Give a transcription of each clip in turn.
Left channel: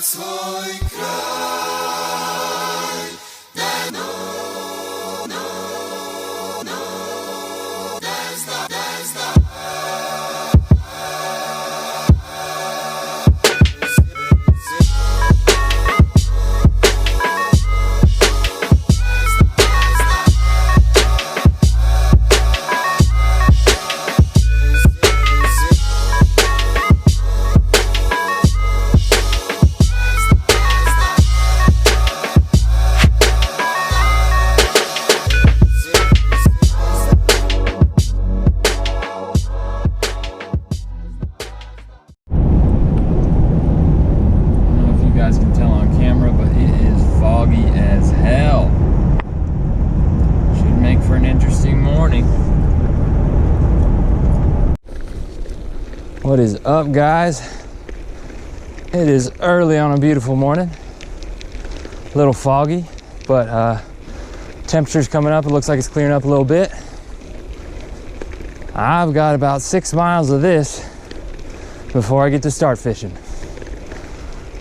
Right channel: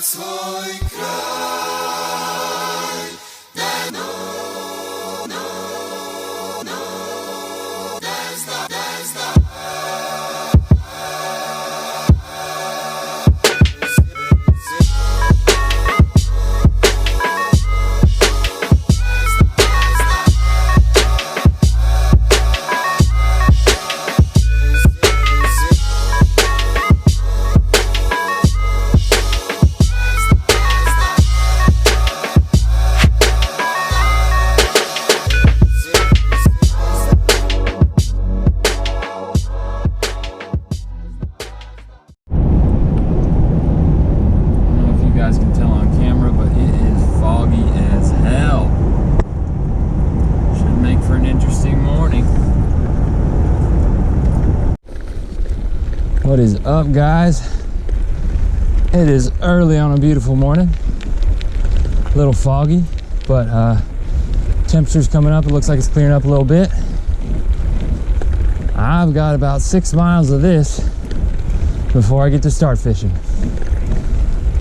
swój kraj. What is up, guys? It is early on a beautiful morning. A little foggy, but temperature's coming up. It looks like it's clearing up a little bit. I've got about 6 miles of this before I get to start fishing.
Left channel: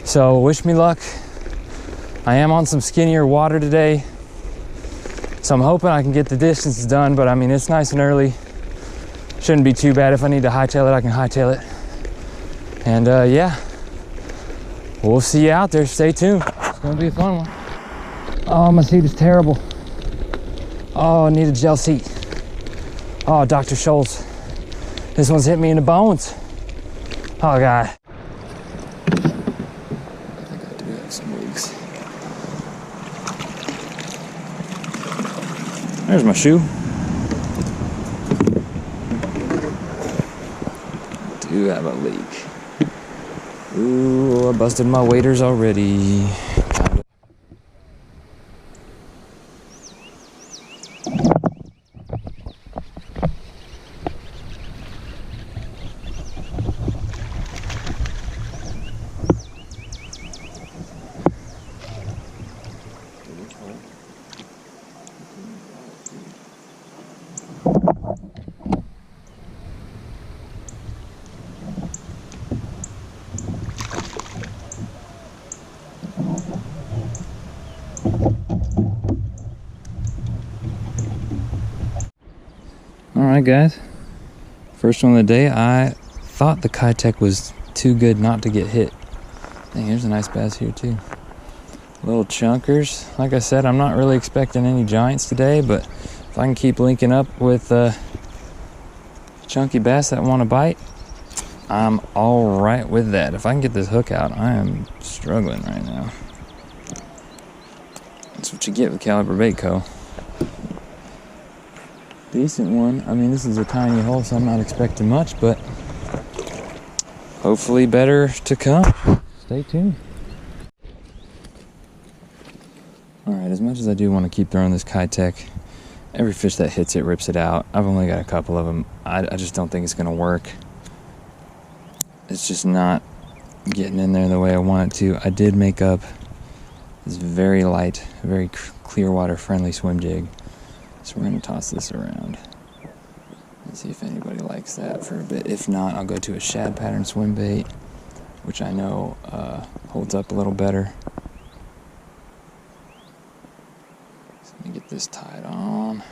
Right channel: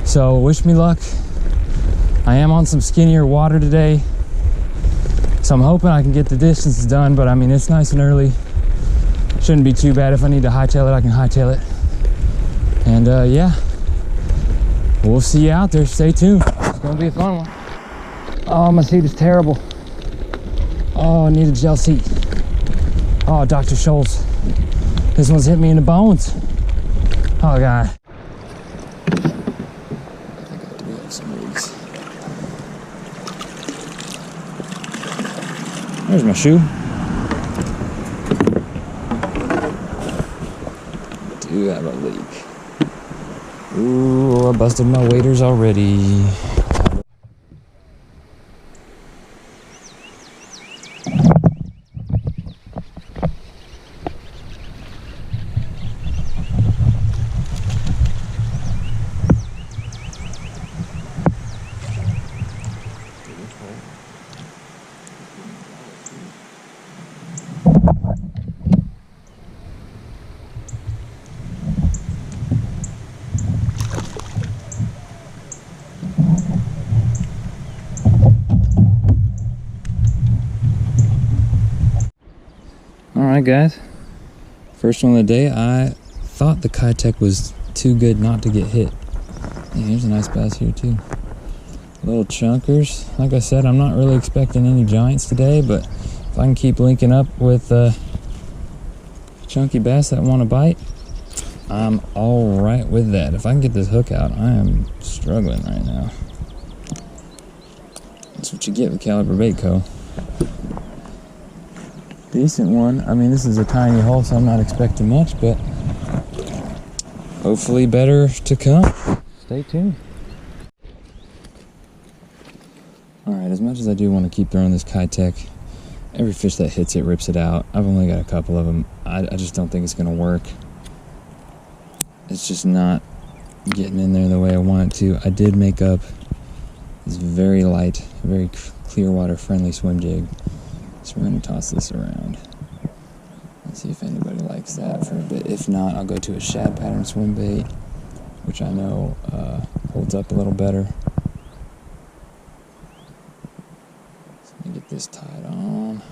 So wish me luck. I am on some skinnier water today, so I'm hoping I can get the distance done, but I mean, it's nice and early. Shouldn't be too bad. If I need to hightail it, I can hightail it. And yeah, we'll see you out there. Stay tuned. It's gonna be a fun one. Oh, my seat is terrible. Oh, I need a gel seat. Oh, Dr. Scholl's. This one's hit me in the bones. Oh, God. I think I do have some rigs. There's my shoe. Do have a leak. Ooh, I busted my waders already. Alright, guys, first one of the day. I thought the KAYAK was too good not to get hit. Hey, here's a nice bass here too. Little chunkers. Like I said, I'm not really expecting any giants today, but if I can keep linking up with chunky bass that want to bite, I'm all right with that. If I can get this hook out, I am struggling right now. That's what you get with Caliber Bait Co. Decent one. I mean, this is a tiny hole, so I'm not expecting much, but hopefully better to come. Stay tuned. All right, as much as I do want to keep throwing this KAYAK, every fish that hits it rips it out. I've only got a couple of them. I just don't think it's going to work. It's just not getting in there the way I want it to. I did make up this very light, very clear water friendly swim jig. So we're going to toss this around and see if anybody likes that for a bit. If not, I'll go to a shad pattern swim bait, which I know holds up a little better. So let me get this tied on.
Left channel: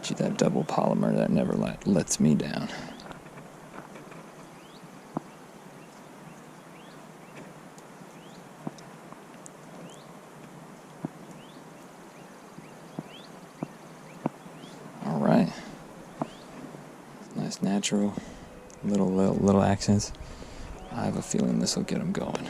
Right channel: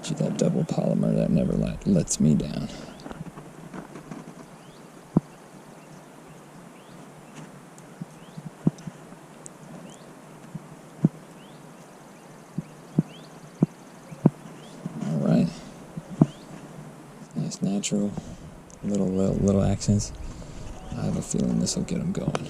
Gee, that double polymer, that never lets me down. Nice natural, little accents. I have a feeling this will get them going.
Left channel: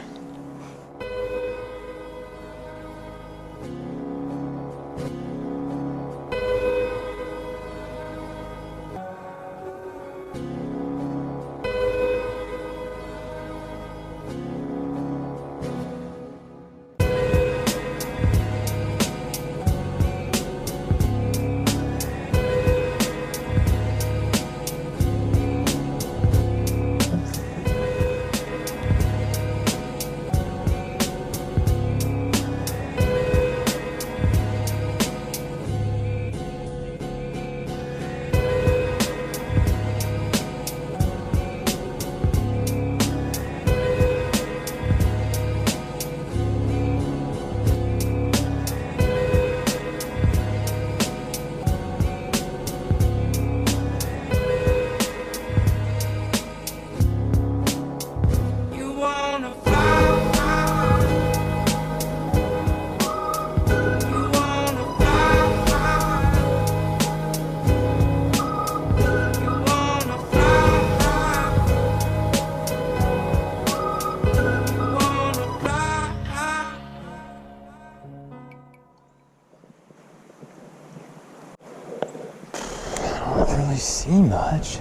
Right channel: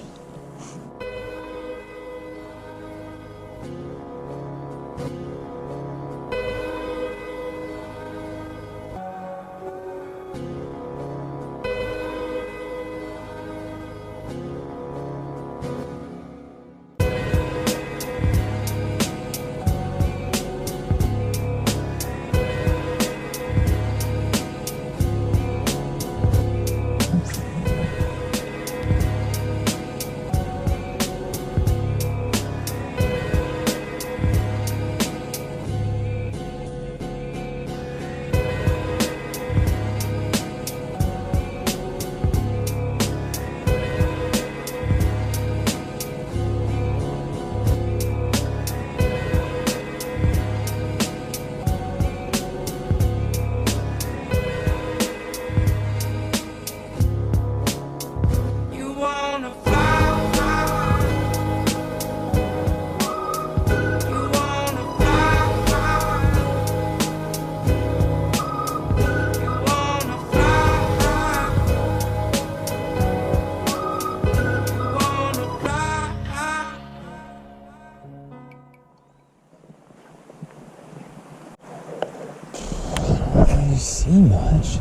see much.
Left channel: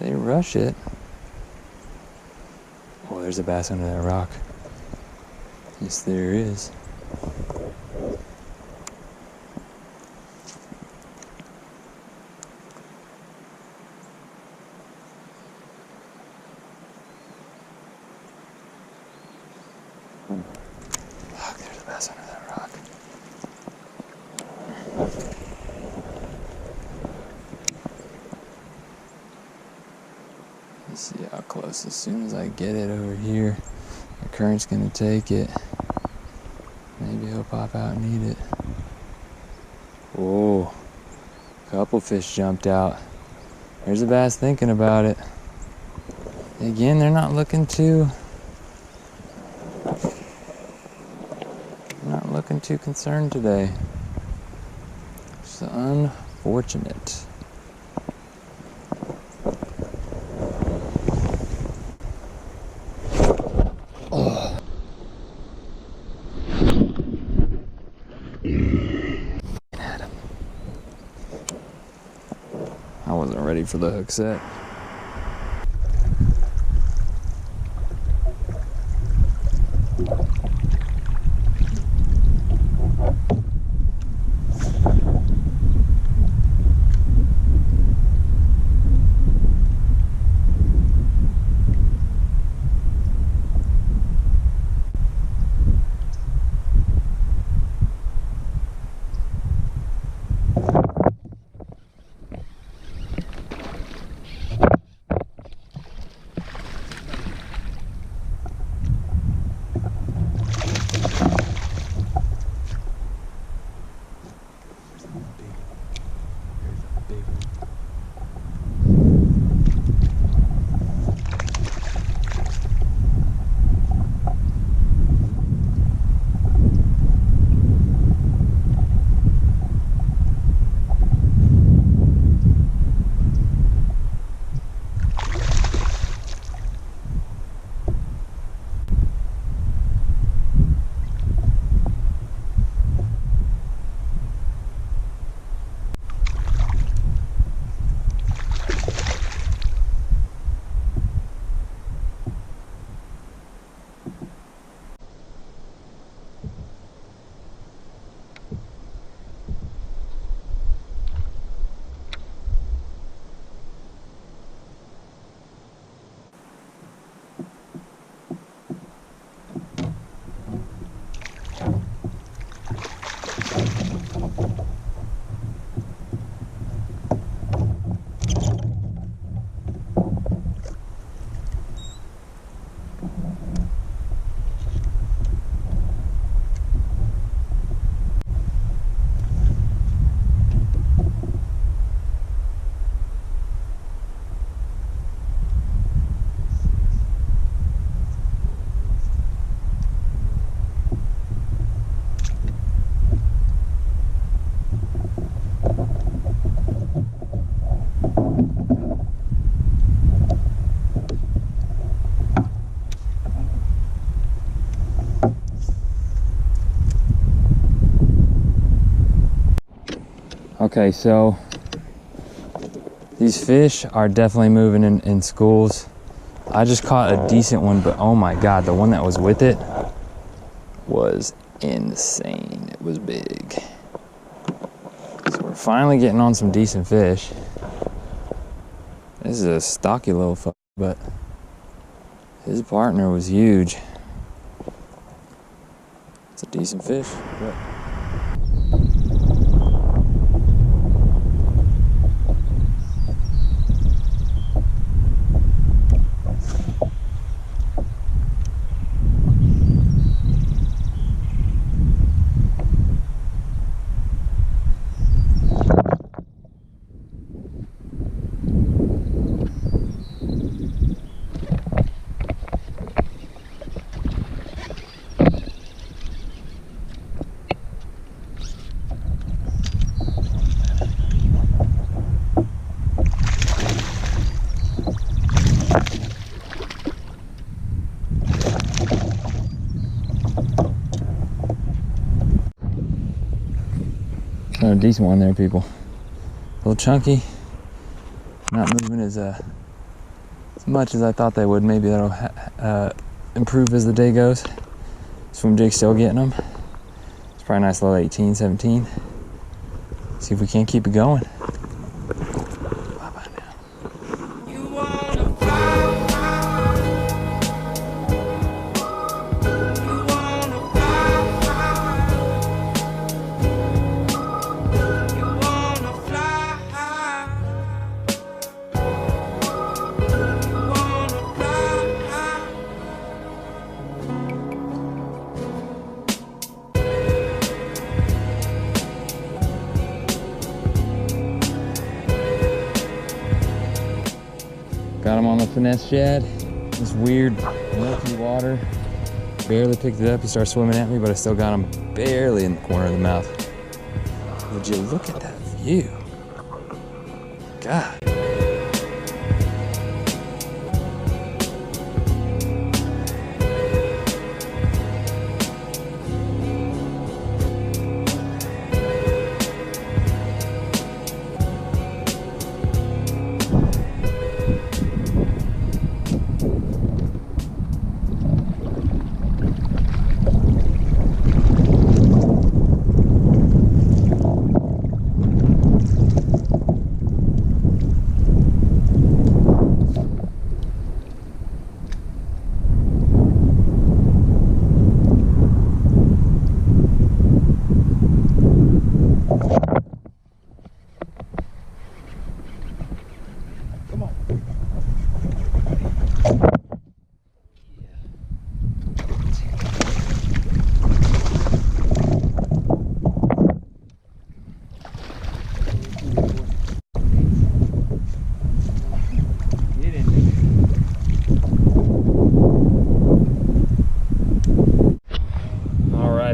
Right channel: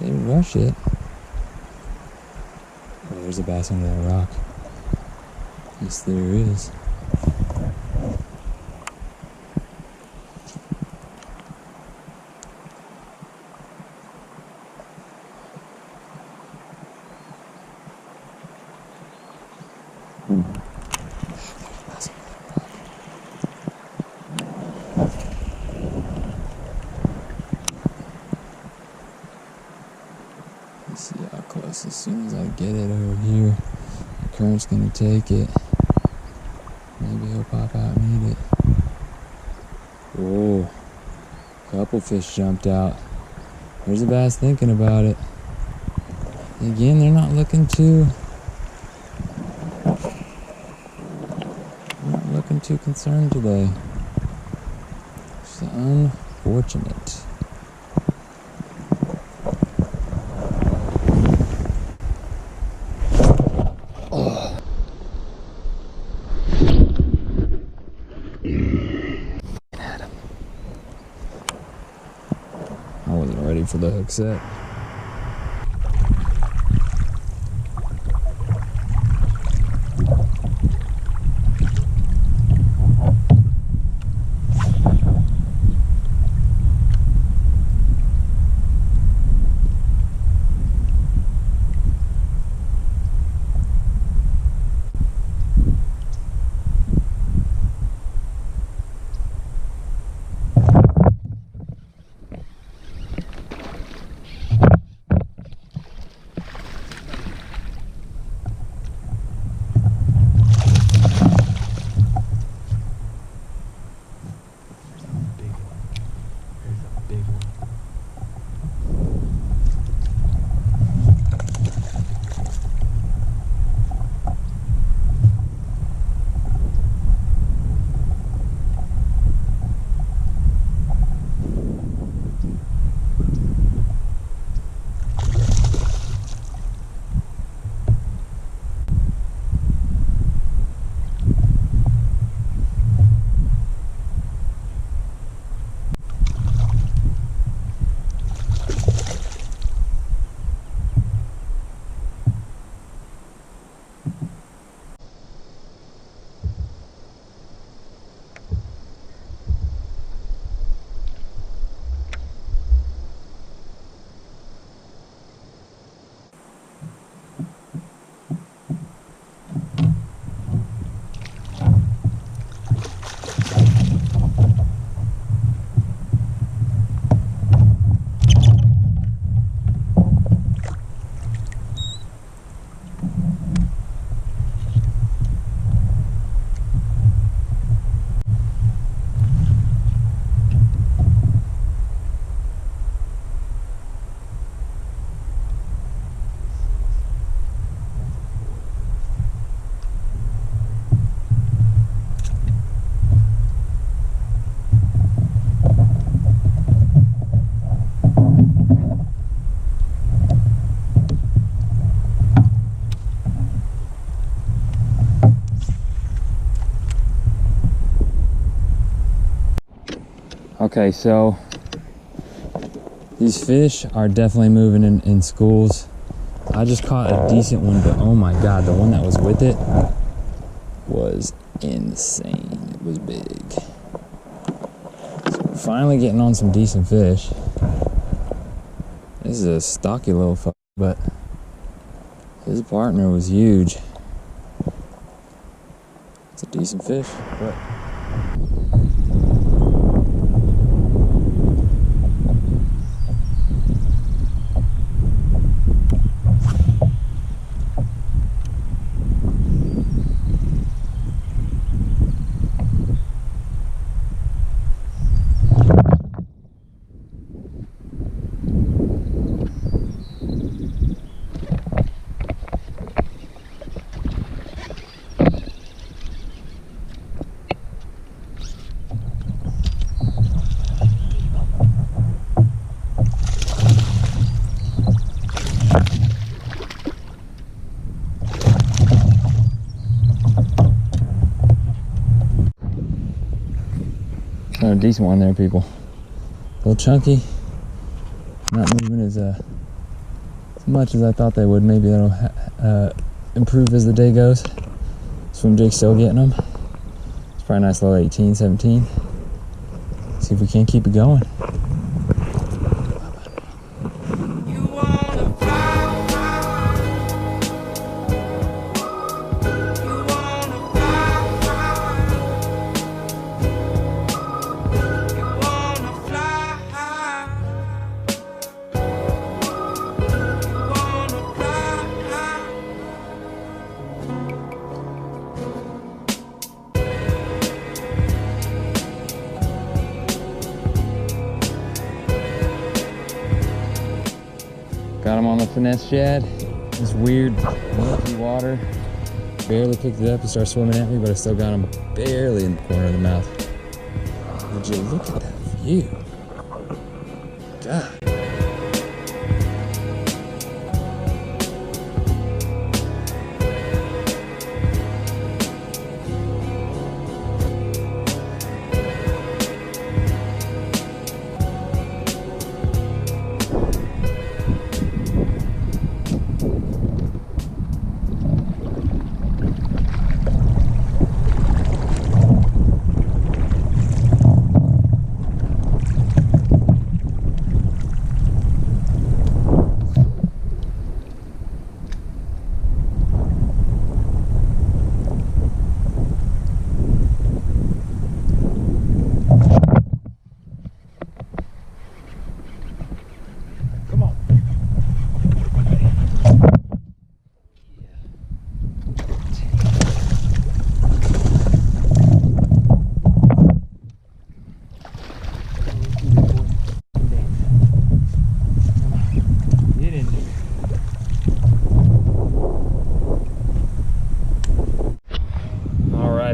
They rush it. Oh, there's a bass under that rock. Yes, there is. Oh, there's a bass under that rock. Let's see how close. As soon as I get it over here, the current's gonna take it. Maybe he'll pop out and eat it. Whoa, a couple fish jumped out. There's a bass thinking about it. Again, they're not looking too concerned today. It's unfortunate. Oh. At him. I wasn't ready for the hook set. Okay, so these fish are definitely moving in schools. I just caught a decent one, but oh my God, the one that was with it was insane. It was big. So we're finally getting on some decent fish. This is a stocky little fuck, but his partner was huge. It's a decent fish, but a decent one there, people. A little chunky. Not moving as much as I thought they would. Maybe that'll improve as the day goes. Swim jig's still getting them. It's probably a nice little 18, 17. See if we can't keep it going. Got him on the finesse shad. This weird milky water. Barely picked it up. He started swimming at me, but I still got him barely in the corner of the mouth. Would you look at that view? God.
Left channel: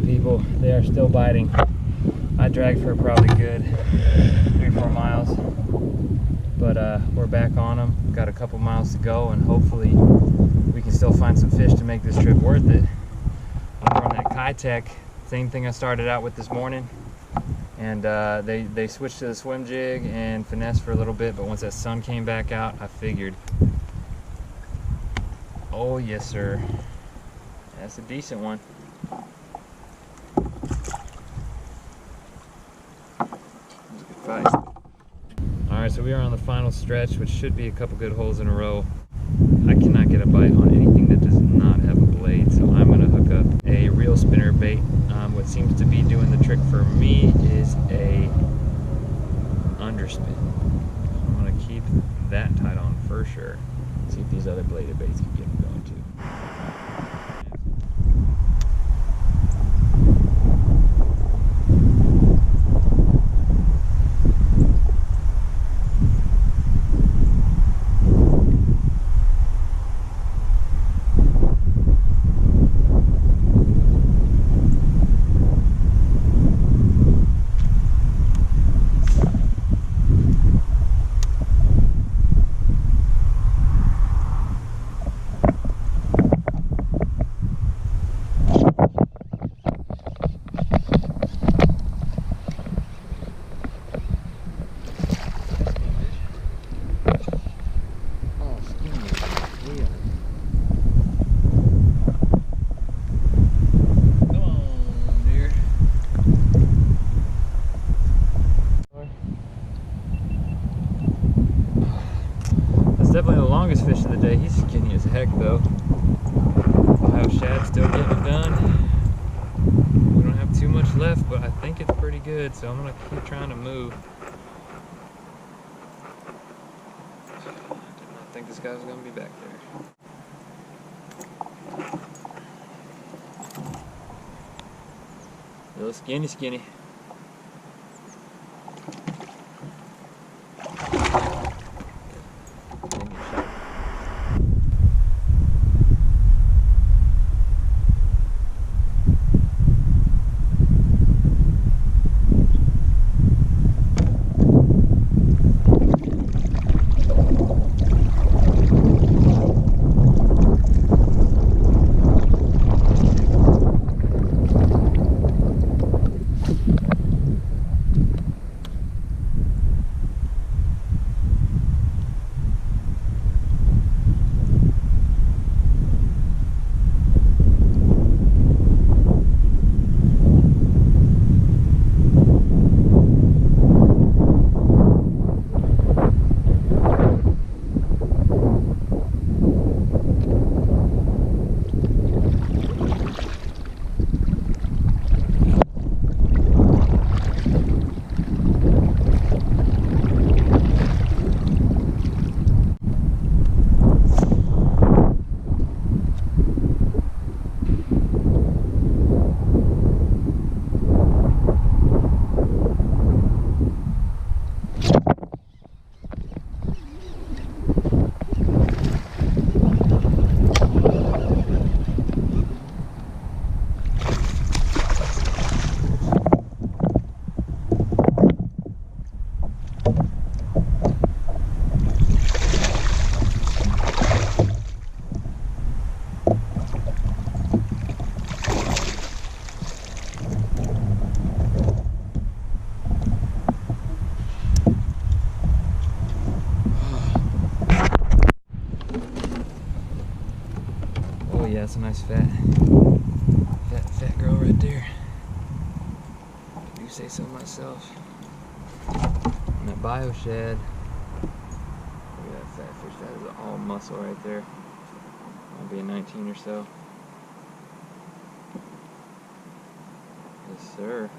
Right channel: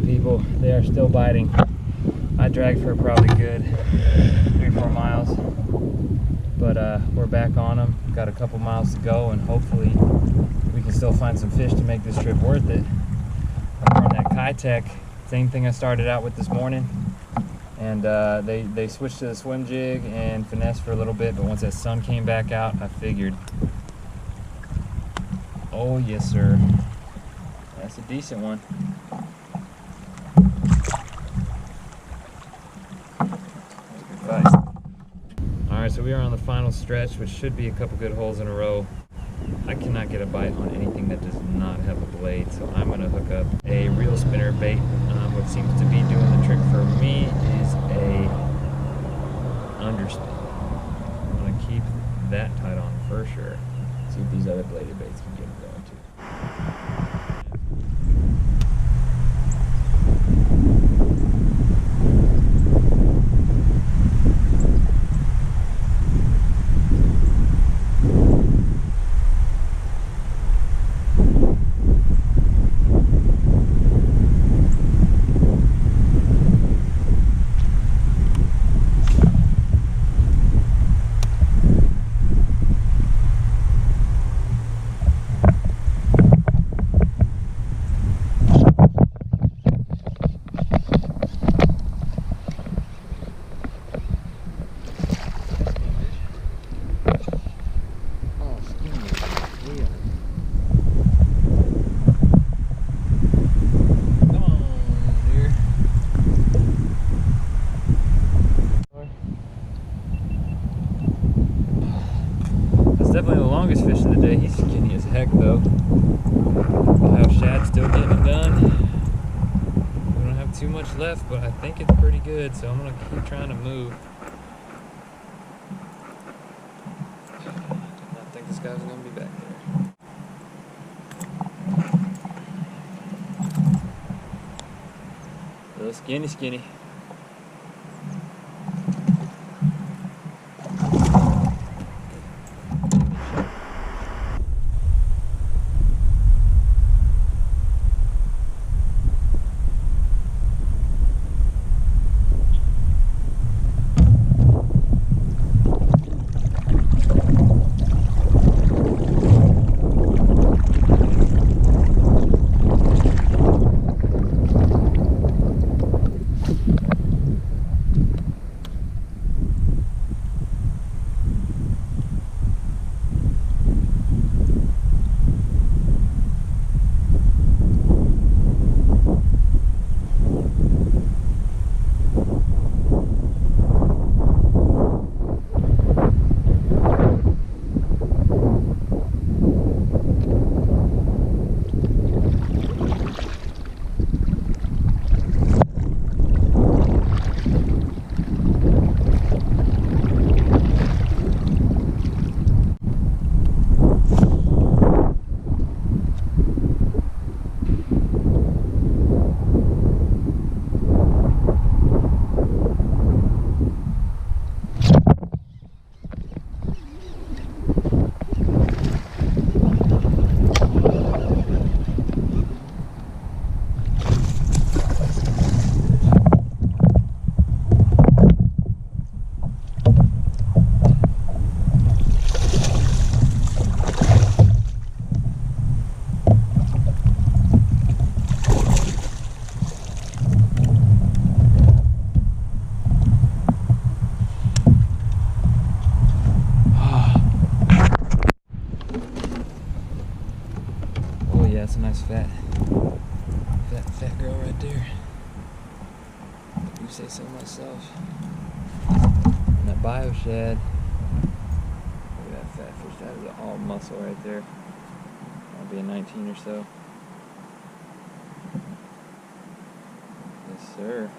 People, they are still biting. I dragged for probably good 3-4 miles, but we're back on them. Got a couple miles to go, and hopefully we can still find some fish to make this trip worth it. I'm throwing that KAYAK, same thing I started out with this morning, and they switched to the swim jig and finesse for a little bit, but once that sun came back out, I figured, oh yes sir, that's a decent one. Fight. All right, so we are on the final stretch, which should be a couple good holes in a row. I cannot get a bite on anything that does not have a blade, so I'm gonna hook up a reel spinner bait. What seems to be doing the trick for me is a underspin. I'm gonna keep that tied on for sure. See if these other bladed baits can get them going too. Definitely the longest fish of the day. He's skinny as heck though. Bio shad still getting it done. We don't have too much left, but I think it's pretty good, so I'm gonna keep trying to move. Did not think this guy was gonna be back there. Little skinny. yeah, that's a nice fat girl right there. I do say so myself. And that bio shad. Look at that fat fish. That is all muscle right there. That'll be a 19 or so. Yes, sir.